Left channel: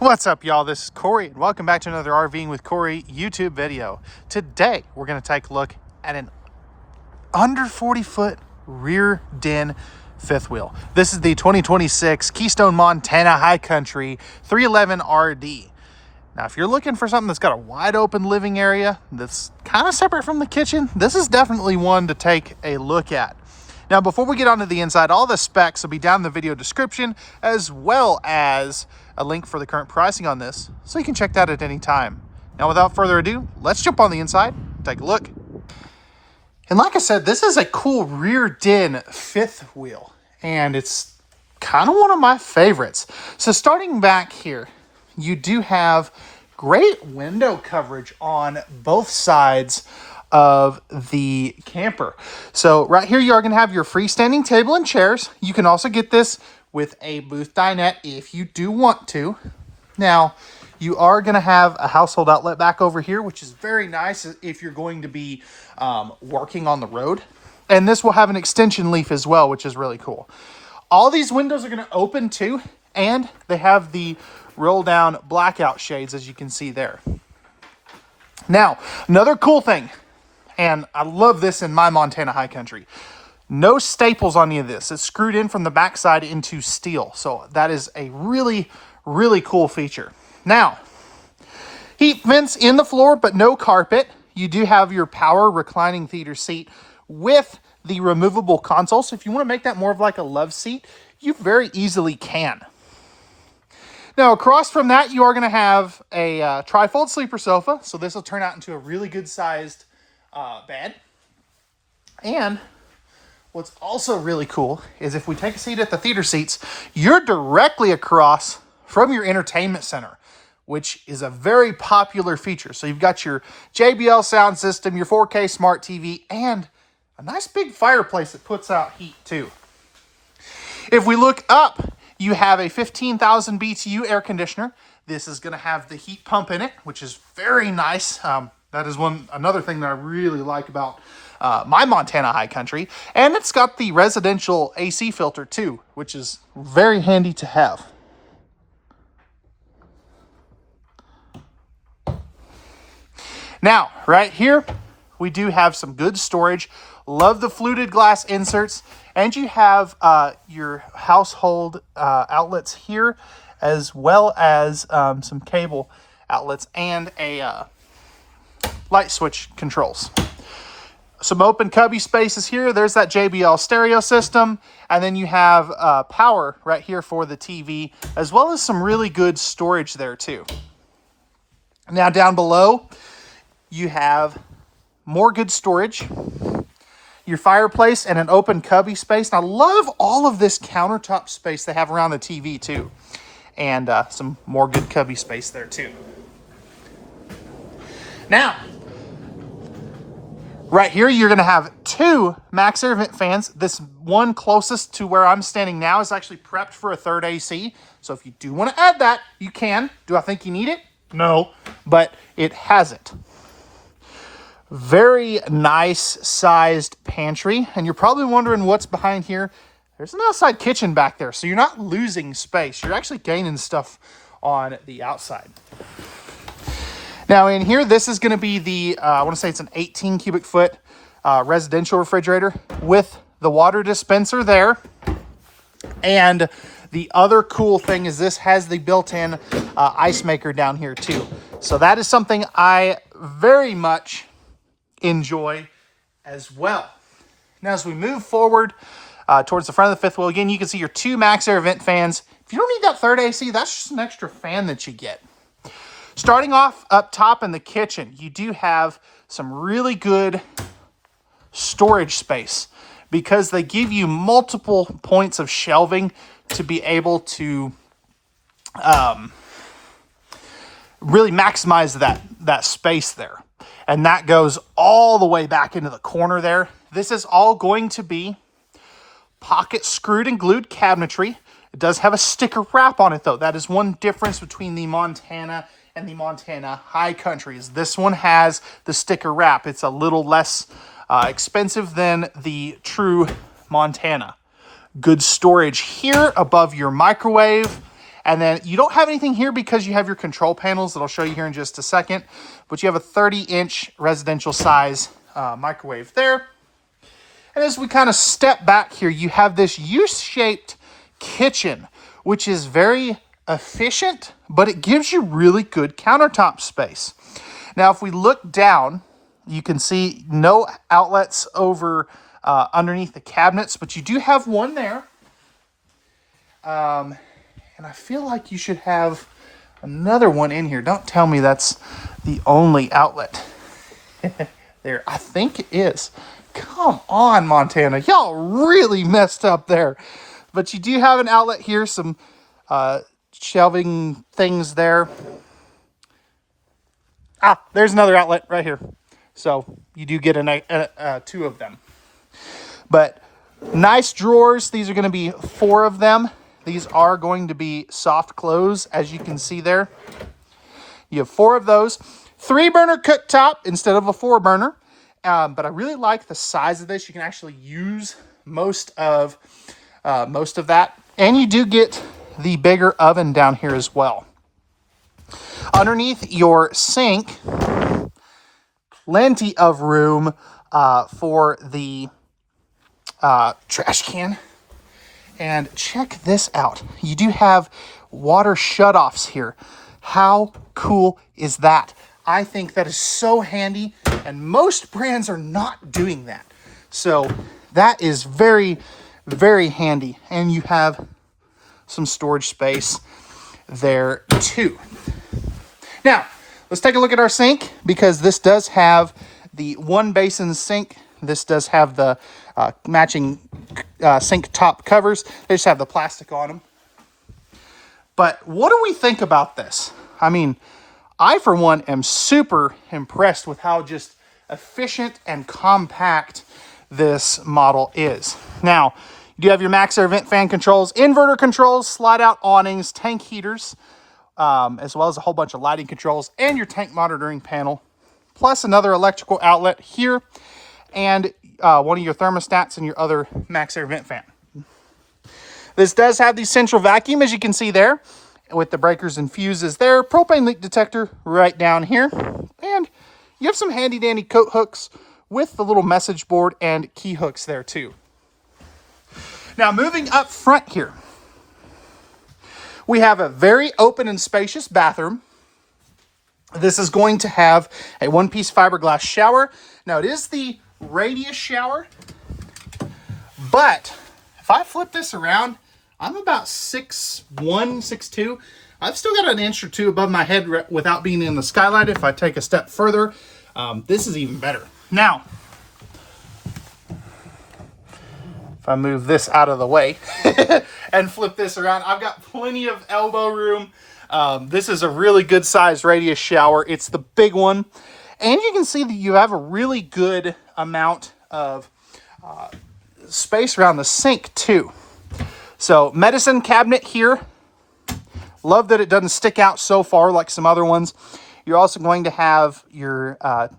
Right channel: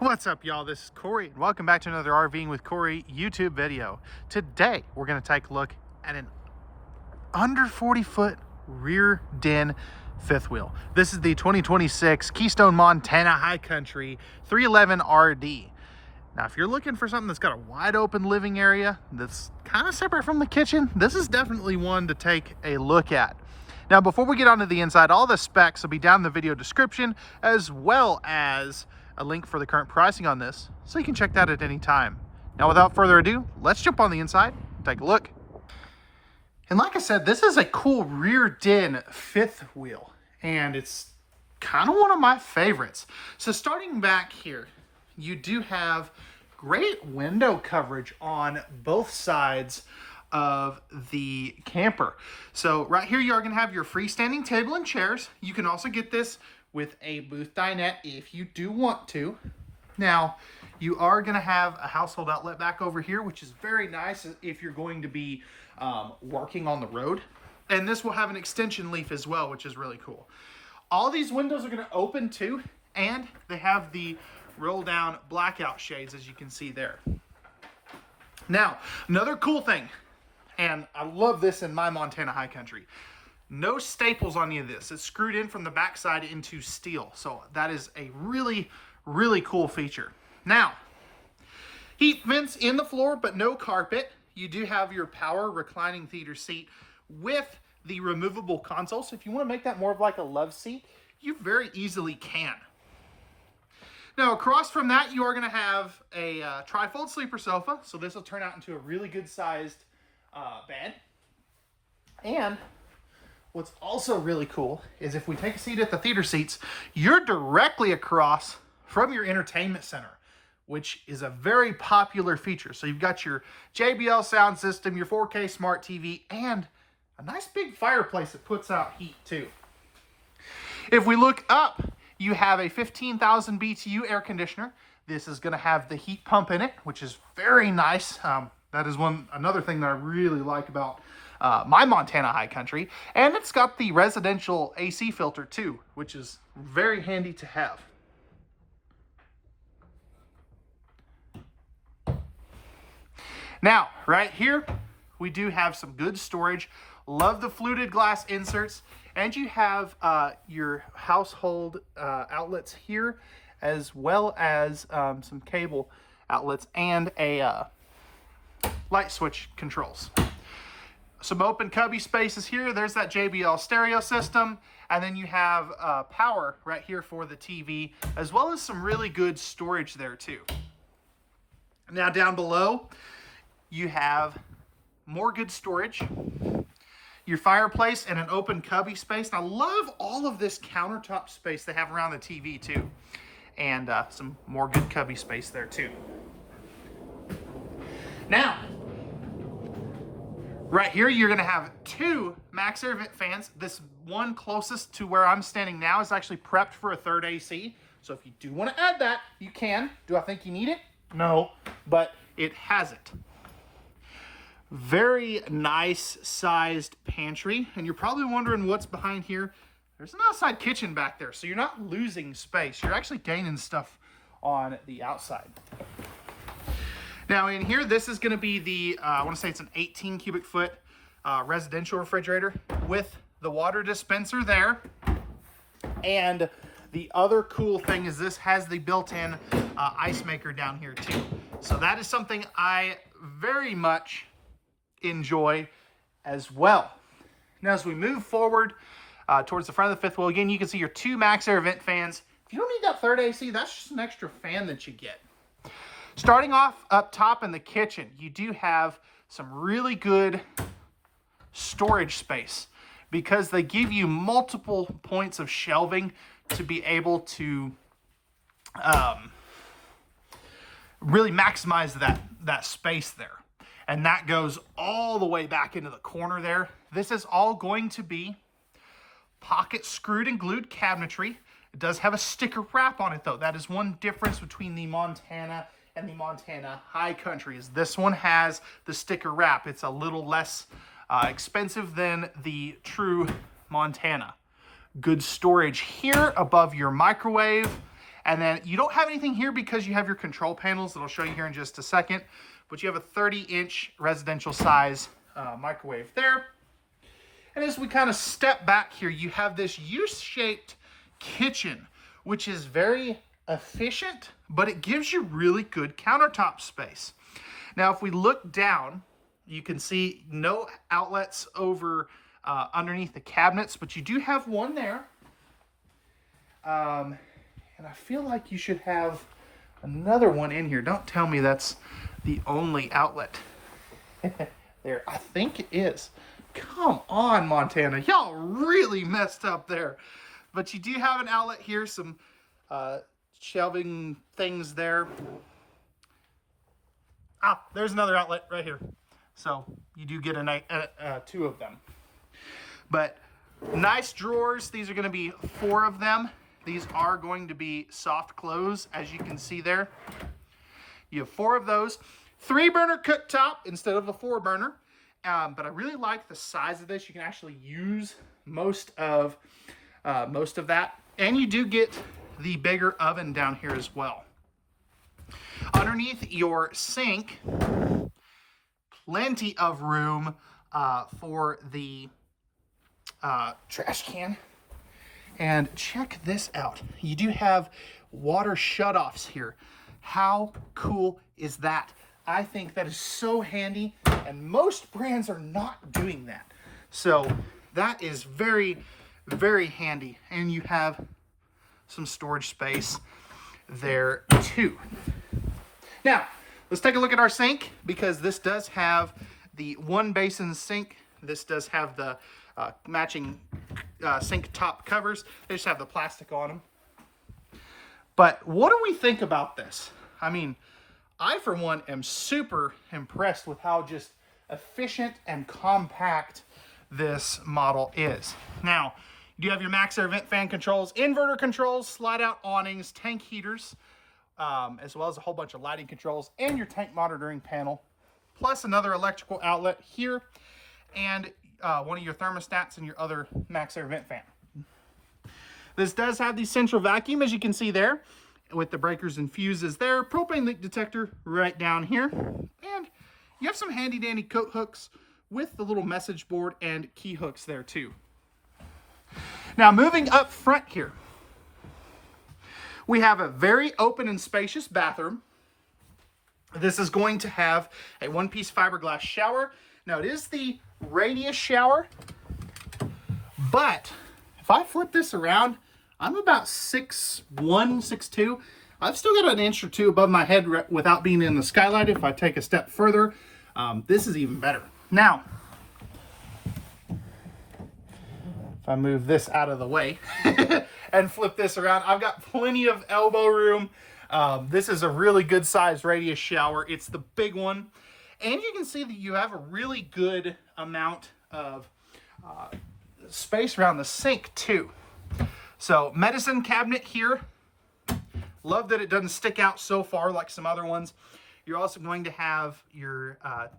What's up, y'all? This is Corey, and welcome back to another RVing with Corey YouTube video. Today, we're going to take a look at an under 40-foot rear den fifth wheel. This is the 2026 Keystone Montana High Country 311 RD. Now, if you're looking for something that's got a wide open living area that's kind of separate from the kitchen, this is definitely one to take a look at. Now, before we get onto the inside, all the specs will be down in the video description, as well as a link for the current pricing on this, so you can check that at any time. Now, without further ado, let's jump on the inside and take a look. And like I said, this is a cool rear den fifth wheel, and it's kind of one of my favorites. So starting back here, you do have great window coverage on both sides of the camper. So right here, you are going to have your freestanding table and chairs. You can also get this with a booth dinette if you do want to. Now, you are going to have a household outlet back over here, which is very nice if you're going to be working on the road. And this will have an extension leaf as well, which is really cool. All these windows are going to open too, and they have the roll down blackout shades, as you can see there. Now, another cool thing, and I love this in my Montana High Country, no staples on any of this. It's screwed in from the backside into steel. So that is a really, really cool feature. Now, heat vents in the floor, but no carpet. You do have your power reclining theater seat with the removable console. So if you want to make that more of like a love seat, you very easily can. Now, across from that, you are going to have a trifold sleeper sofa. So this will turn out into a really good sized bed. And what's also really cool is if we take a seat at the theater seats, you're directly across from your entertainment center, which is a very popular feature. So you've got your JBL sound system, your 4K smart TV, and a nice big fireplace that puts out heat too. If we look up, you have a 15,000 BTU air conditioner. This is going to have the heat pump in it, which is very nice. That is another thing that I really like about my Montana High Country. And it's got the residential AC filter too, which is very handy to have. Now, right here, we do have some good storage. Love the fluted glass inserts. And you have your household outlets here, as well as some cable outlets and a light switch controls. Some open cubby spaces here. There's that JBL stereo system. And then you have power right here for the TV, as well as some really good storage there too. Now down below, you have more good storage, your fireplace, and an open cubby space. And I love all of this countertop space they have around the TV too. And some more good cubby space there too. Now, right here, you're going to have two max air vent fans. This one closest to where I'm standing now is actually prepped for a third AC. So if you do want to add that, you can. Do I think you need it? No, but it has it. Very nice sized pantry. And you're probably wondering what's behind here. There's an outside kitchen back there, so you're not losing space. You're actually gaining stuff on the outside. Now in here, this is going to be the, I want to say it's an 18 cubic foot residential refrigerator with the water dispenser there. And the other cool thing is this has the built-in ice maker down here too. So that is something I very much enjoy as well. Now as we move forward towards the front of the fifth wheel, again, you can see your two max air vent fans. If you don't need that third AC, that's just an extra fan that you get. Starting off up top in the kitchen, you do have some really good storage space because they give you multiple points of shelving to be able to really maximize that space there. And that goes all the way back into the corner there. This is all going to be pocket screwed and glued cabinetry. It does have a sticker wrap on it though. That is one difference between the Montana and the Montana High Country. Is this one has the sticker wrap. It's a little less expensive than the true Montana. Good storage here above your microwave And then you don't have anything here because you have your control panels that I'll show you here in just a second. But you have a 30-inch residential size microwave there. And as we kind of step back here, you have this U-shaped kitchen, which is very efficient, but it gives you really good countertop space. Now, if we look down, you can see no outlets over underneath the cabinets, but you do have one there. And I feel like you should have another one in here. Don't tell me that's the only outlet there. I think it is. Come on, Montana. Y'all really messed up there. But you do have an outlet here, some shelving things there. Ah, there's another outlet right here. So you do get two of them. But nice drawers. These are going to be 4 of them. These are going to be soft close, as you can see there. You have 4 of those. 3-burner cooktop instead of a 4-burner. But I really like the size of this. You can actually use most of that. And you do get the bigger oven down here as well. Underneath your sink, plenty of room for the trash can. And check this out. You do have water shutoffs here. How cool is that? I think that is so handy, and most brands are not doing that. So that is very, very handy. And you have some storage space there too. Now, let's take a look at our sink, because this does have the 1-basin sink. This does have the matching sink top covers. They just have the plastic on them. But what do we think about this? I mean, I, for one, am super impressed with how just efficient and compact this model is. Now, you do have your max air vent fan controls, inverter controls, slide-out awnings, tank heaters, as well as a whole bunch of lighting controls, and your tank monitoring panel, plus another electrical outlet here, and one of your thermostats and your other max air vent fan. This does have the central vacuum, as you can see there, with the breakers and fuses there, propane leak detector right down here, and you have some handy dandy coat hooks with the little message board and key hooks there too. Now, moving up front here, we have a very open and spacious bathroom. This is going to have a 1-piece fiberglass shower. Now, it is the radius shower, but if I flip this around, I'm about 6'1", 6'2". I've still got an inch or 2 above my head without being in the skylight. If I take a step further, this is even better. Now, if I move this out of the way and flip this around, I've got plenty of elbow room. This is a really good sized radius shower. It's the big one. And you can see that you have a really good amount of space around the sink too. So, medicine cabinet here. Love that it doesn't stick out so far like some other ones. You're also going to have your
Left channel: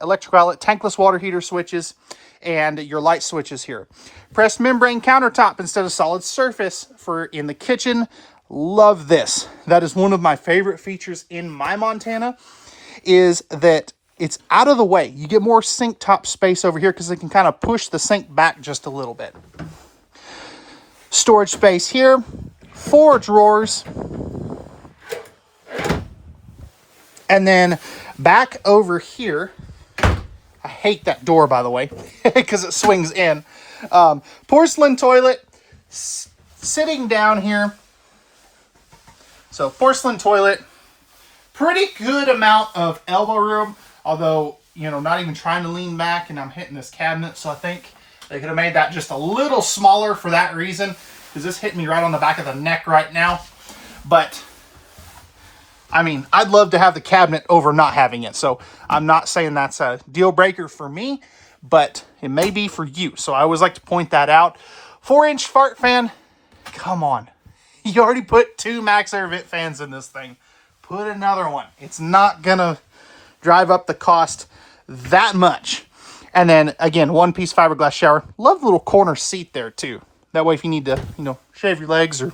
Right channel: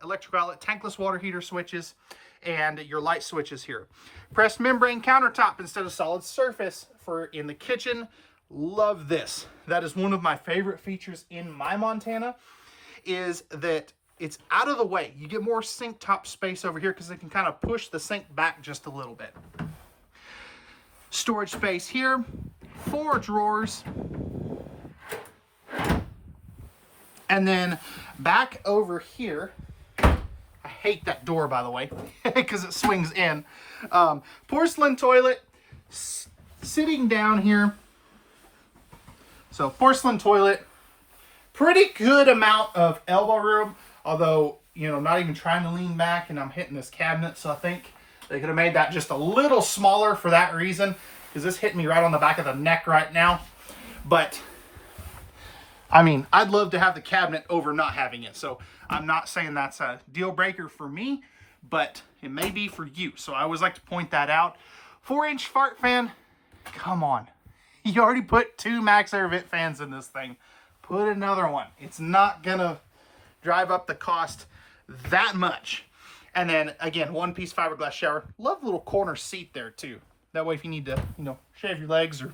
electrical outlet, tankless water heater switches, and your light switches here. Pressed membrane countertop instead of solid surface for in the kitchen. Love this. That is one of my favorite features in my Montana, is that it's out of the way. You get more sink top space over here because it can kind of push the sink back just a little bit. Storage space here, 4 drawers. And then back over here, I hate that door, by the way, because it swings in. Porcelain toilet sitting down here. So porcelain toilet, pretty good amount of elbow room, although, you know, not even trying to lean back, and I'm hitting this cabinet, so I think they could have made that just a little smaller for that reason, because this hit me right on the back of the neck right now. But, I mean, I'd love to have the cabinet over not having it, so I'm not saying that's a deal breaker for me, but it may be for you. So I always like to point that out. 4-inch fart fan, come on. You already put 2 max air vent fans in this thing. Put another one. It's not gonna drive up the cost that much. And then again, 1-piece fiberglass shower. Love the little corner seat there too. That way if you need to, you know, shave your legs or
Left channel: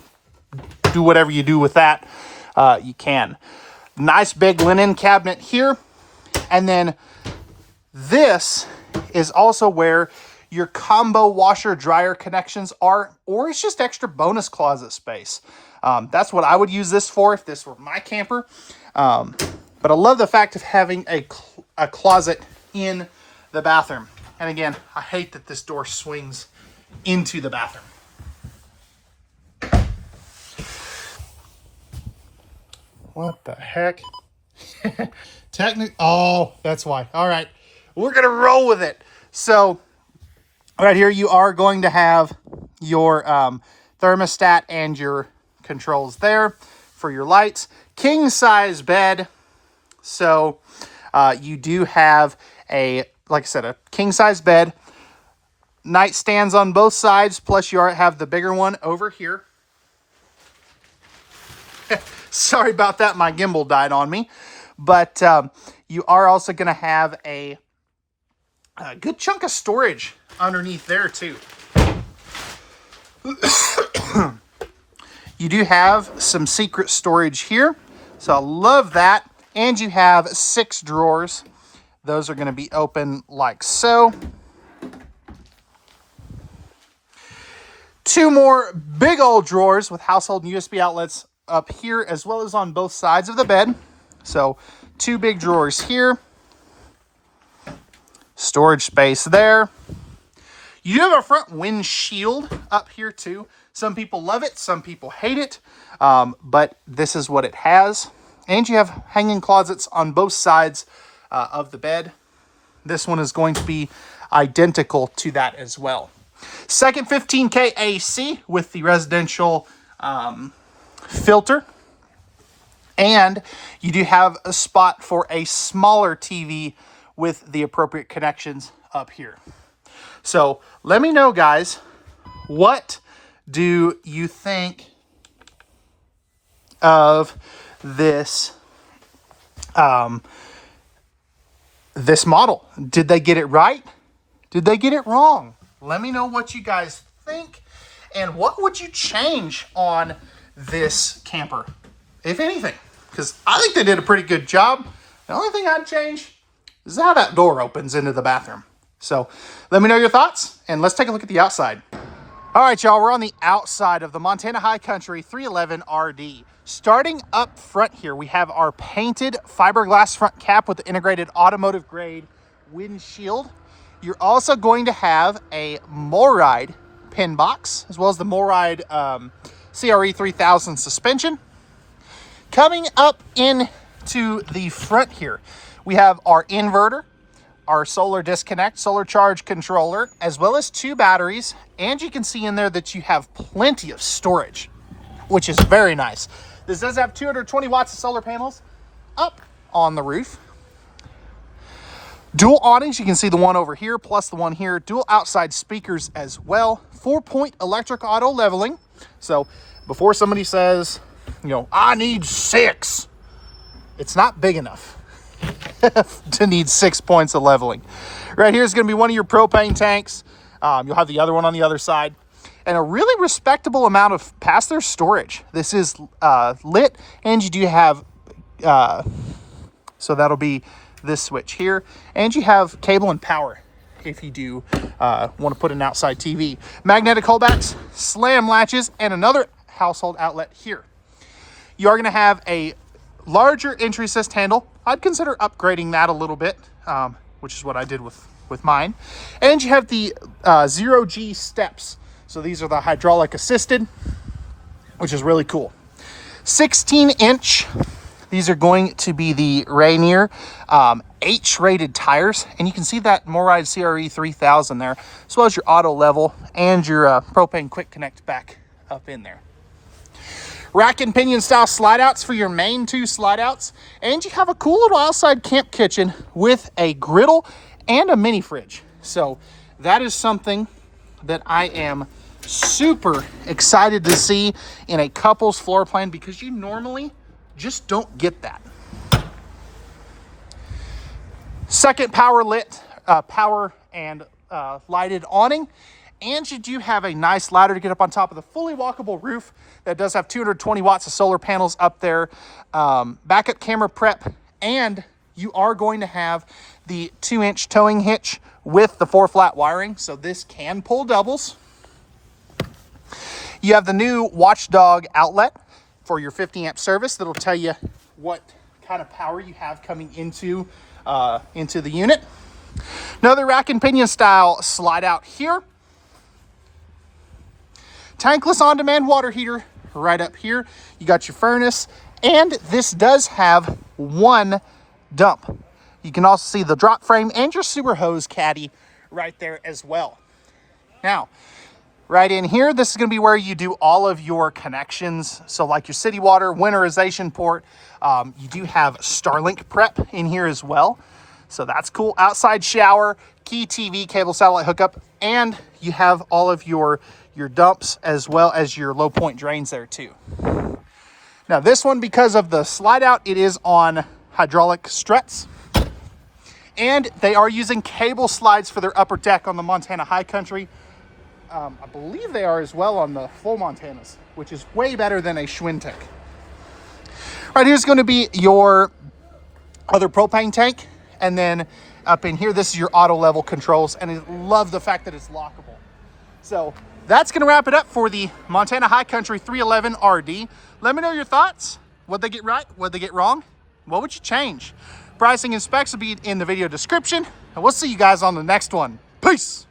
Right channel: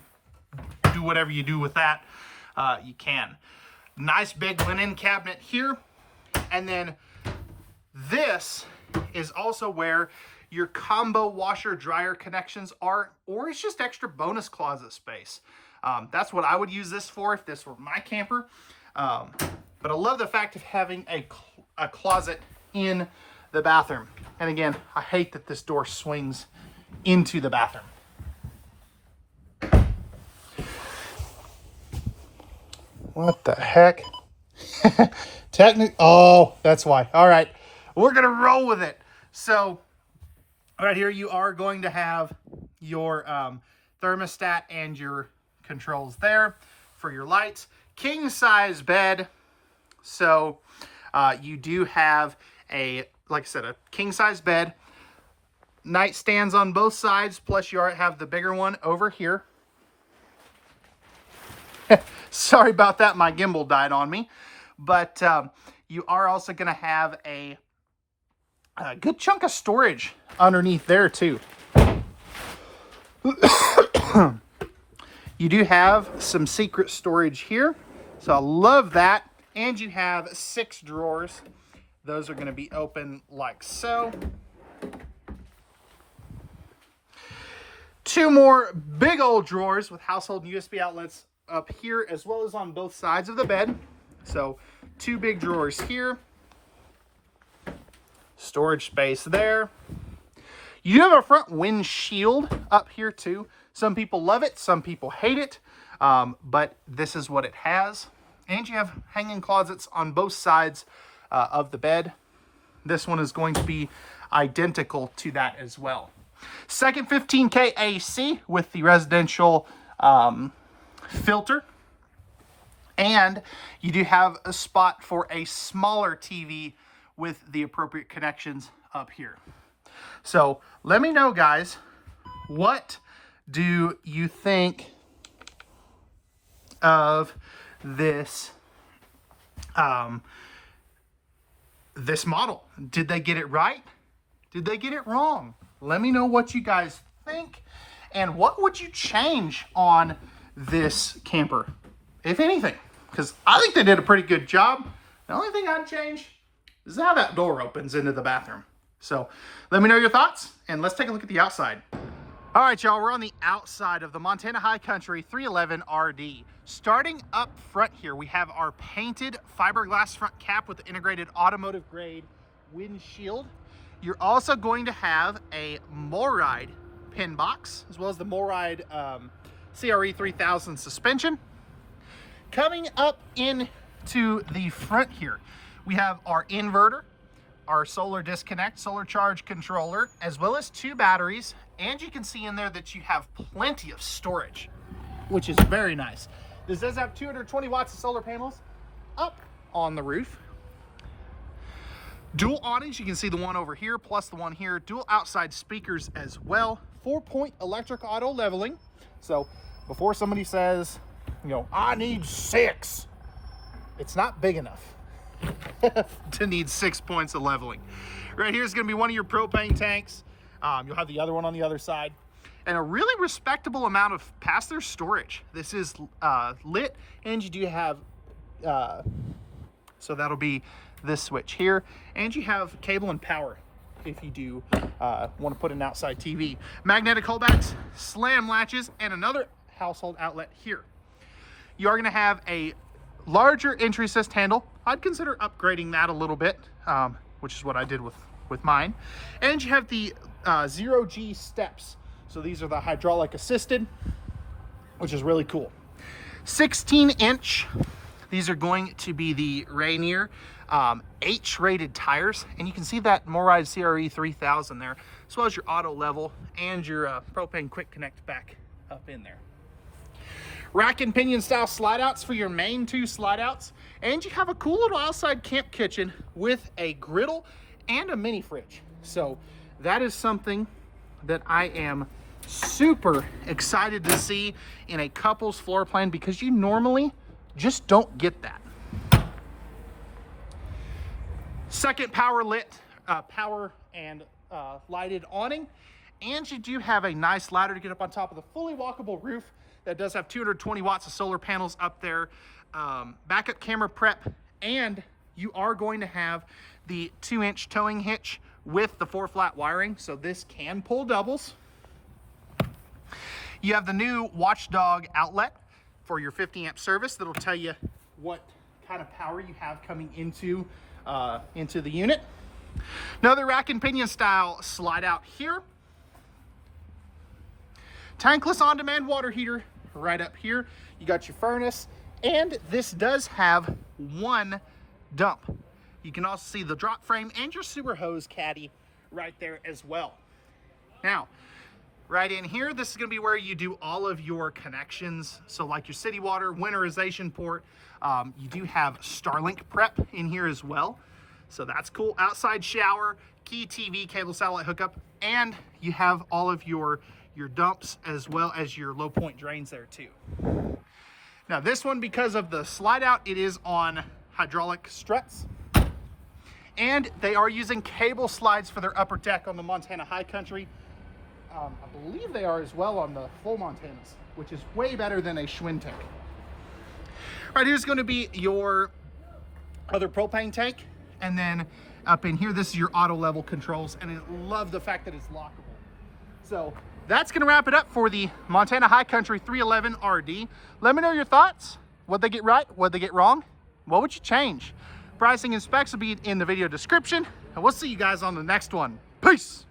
do whatever you do with that, you can. Nice big linen cabinet here. And then this is also where your combo washer dryer connections are, or it's just extra bonus closet space. That's what I would use this for if this were my camper. But I love the fact of having a closet in the bathroom. And again, I hate that this door swings into the bathroom. What the heck? Oh, that's why. All right, we're gonna roll with it. So right here, you are going to have your thermostat and your controls there for your lights. King size bed. So you do have like I said, a king size bed. Nightstands on both sides, plus you have the bigger one over here. Sorry about that, my gimbal died on me. But you are also going to have a good chunk of storage underneath there too. You do have some secret storage here, so I love that. And you have 6 drawers. Those are going to be open like so. 2 more big old drawers with household and USB outlets up here, as well as on both sides of the bed. So 2 big drawers here. Storage space there. You do have a front windshield up here too. Some people love it, some people hate it, but this is what it has. And you have hanging closets on both sides of the bed. This one is going to be identical to that as well. Second 15K AC with the residential filter. And you do have a spot for a smaller TV with the appropriate connections up here. So let me know, guys, what do you think of this this model? Did they get it right? Did they get it wrong? Let me know what you guys think, and what would you change on this camper, if anything? Because I think they did a pretty good job. The only thing I'd change is how that door opens into the bathroom. So let me know your thoughts, and let's take a look at the outside. All right, y'all, we're on the outside of the Montana High Country 311 RD. Starting up front here, we have our painted fiberglass front cap with the integrated automotive grade windshield. You're also going to have a MORryde pin box, as well as the MORryde CRE 3000 suspension. Coming up into the front here, we have our inverter, our solar disconnect, solar charge controller, as well as 2 batteries. And you can see in there that you have plenty of storage, which is very nice. This does have 220 watts of solar panels up on the roof. Dual awnings, you can see the one over here plus the one here. Dual outside speakers as well. 4-point electric auto leveling. So before somebody says, you know, I need 6, it's not big enough to need 6 points of leveling. Right here is going to be one of your propane tanks. You'll have the other one on the other side. And a really respectable amount of pass-through storage. This is lit, and you do have, so that'll be this switch here. And you have cable and power if you do want to put an outside TV. Magnetic holdbacks, slam latches, and another household outlet here. You are going to have a larger entry assist handle. I'd consider upgrading that a little bit, which is what I did with mine. And you have the 0G steps. So these are the hydraulic assisted, which is really cool. 16-inch. These are going to be the Rainier H-rated tires. And you can see that MORryde CRE 3000 there, as well as your auto level and your propane quick connect back up in there. Rack and pinion style slide outs for your main 2 slide outs. And you have a cool little outside camp kitchen with a griddle and a mini fridge. So that is something that I am super excited to see in a couple's floor plan, because you normally just don't get that. Second power and lighted awning. And you do have a nice ladder to get up on top of the fully walkable roof It does have 220 watts of solar panels up there, backup camera prep, and you are going to have the 2-inch towing hitch with the 4-flat wiring, so this can pull doubles. You have the new Watchdog outlet for your 50 amp service that'll tell you what kind of power you have coming into the unit. Another rack and pinion style slide out here. Tankless on-demand water heater right up here. You got your furnace, and this does have one dump. You can also see the drop frame and your sewer hose caddy right there as well. Now, right in here, this is going to be where you do all of your connections. So like your city water, winterization port. You do have Starlink prep in here as well. So that's cool. Outside shower, key TV, cable satellite hookup, and you have all of your dumps as well as your low point drains there too. Now this one, because of the slide out, it is on hydraulic struts. And they are using cable slides for their upper deck on the Montana High Country. I believe they are as well on the full Montanas, which is way better than a Schwintek. Right here's going to be your other propane tank. And then up in here, this is your auto level controls. And I love the fact that it's lockable. So that's going to wrap it up for the Montana High Country 311 RD. Let me know your thoughts. What'd they get right? What'd they get wrong? What would you change? Pricing and specs will be in the video description. And we'll see you guys on the next one. Peace.